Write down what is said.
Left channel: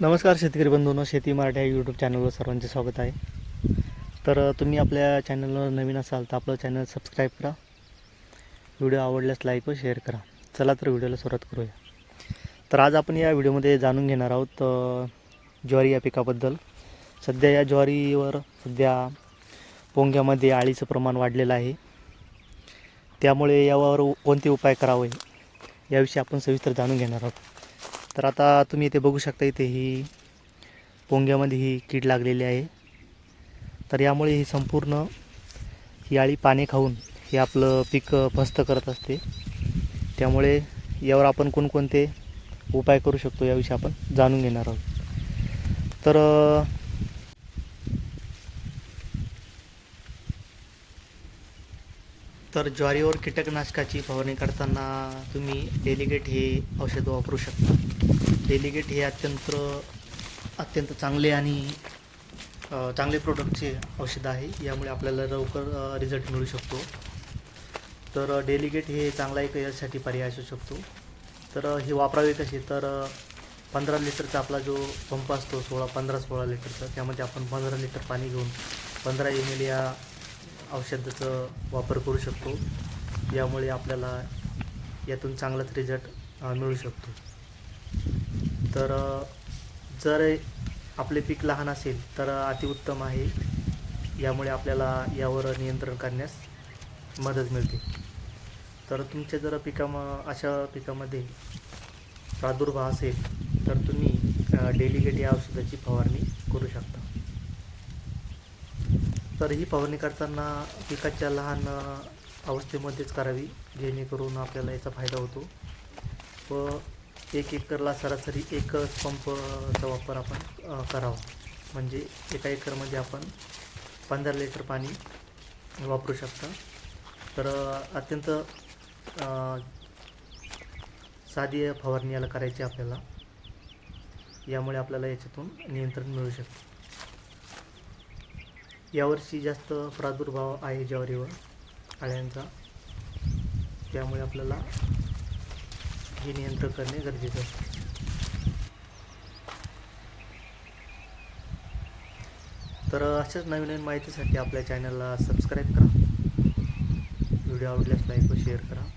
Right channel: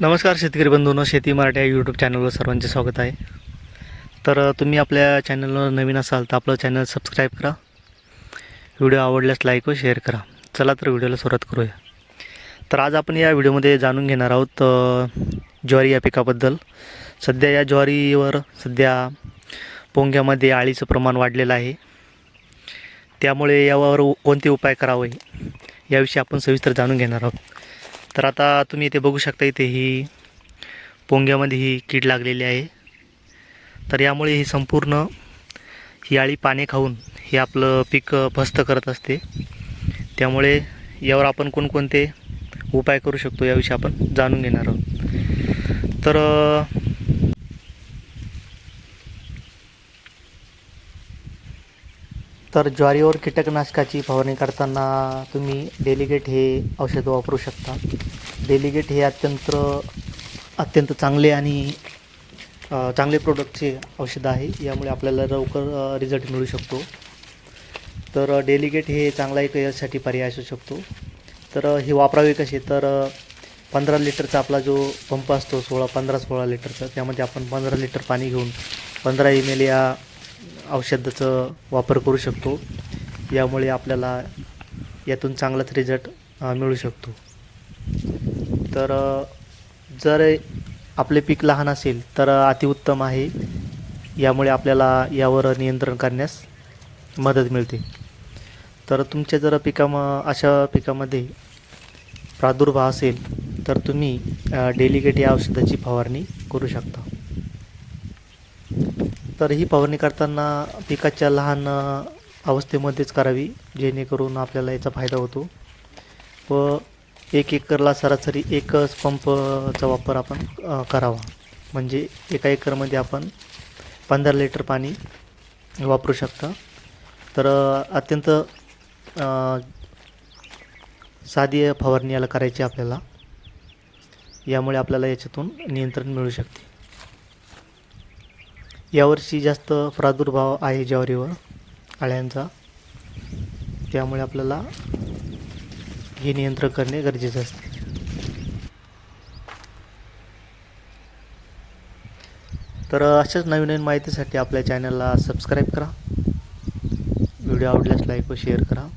नमस्कार शेतकरी बंधूंनो शेती मराठी या यूट्यूब चॅनलवर सर्वांचे स्वागत आहे. तर तुम्ही आपल्या चॅनलवर नवीन असाल तर आपलं चॅनल सबस्क्राईब करा. व्हिडिओ आवडल्यास लाईक व शेअर करा. चला तर व्हिडिओला सुरुवात करूया. तर आज आपण या व्हिडिओमध्ये जाणून घेणार आहोत ज्वारी या पिकाबद्दल. सध्या या ज्वारीवर सध्या पोंग्यामध्ये आळीचं प्रमाण वाढलेलं आहे. त्यामुळे यावर कोणते उपाय करावे याविषयी आपण सविस्तर जाणून घेणार आहोत. तर आता तुम्ही इथे बघू शकता इथे ही पोंग्यामध्ये ही कीड लागलेली आहे. तर यामुळे ही संपूर्ण ही आळी पाने खाऊन हे आपलं पीक फस्त करत असते. त्यामुळे यावर आपण कोणकोणते उपाय करू शकतो याविषयी आपण जाणून घेणार आहोत. तर तर ज्वारीवर कीटकनाशकाची फवारणी करताना तुम्ही डेलिगेट हे औषध वापरू शकता. डेलिगेट हे अत्यंत अत्यंत चांगले आणि चांगले प्रोडक्टचे औषध आहे. यामुळे आपल्याला लवकर रिझल्ट मिळू शकतो. तर डेलिगेट हे चांगला एक यासाठी पर्याय असू शकतो. तर हे वापरावे कसे? तर पंधरा लिटरचा आपला जो पंप असतो सोळा पंधरा सोळा लिटरचा त्यामध्ये आपण पंधरा लिटर पाणी घेऊन पंधरा एम एल या औषधाचा वापर करू शकतो. यामुळे आपल्याला यातून चांगलाच रिझल्ट मिळू शकतो. तर जर आपले पीक लहान असेल तर अतिउत्तम आहे. यामुळे आपल्याला यावर नियंत्रण करण्यास मदत मिळते. तर तुमच्या जर पिकाम अशा पिकामध्ये प्रादुर्भाव असेल तर तुम्ही डेलिगेट या औषधाची फवारणी करू शकता. तर ही फवारणी करताना पिकाच्या लहान अवस्थेमध्येच करावी जेणेकरून आपल्याला याचा फायदा होतो. व एक एकरला सरासरी एकच पंपचा वापर आपण करावा. म्हणजे एका एकरमध्ये आपण पंधरा लिटर पाणी वापरू शकता. तर अत्यंत साधी फवारणी याला करायची आपल्याला. यामुळे आपल्याला याच्यातून नियंत्रण मिळू शकते. यावर्षी जास्त प्रादुर्भाव आहे ज्वारीवर अळ्यांचा. त्यामुळे आपल्याला हे नियंत्रण करणे गरजेचे असते. तर अशाच नवीन नवीन माहितीसाठी आपल्या चॅनलला सबस्क्राईब करा. व्हिडिओ आवडल्यास लाईक व शेअर करा.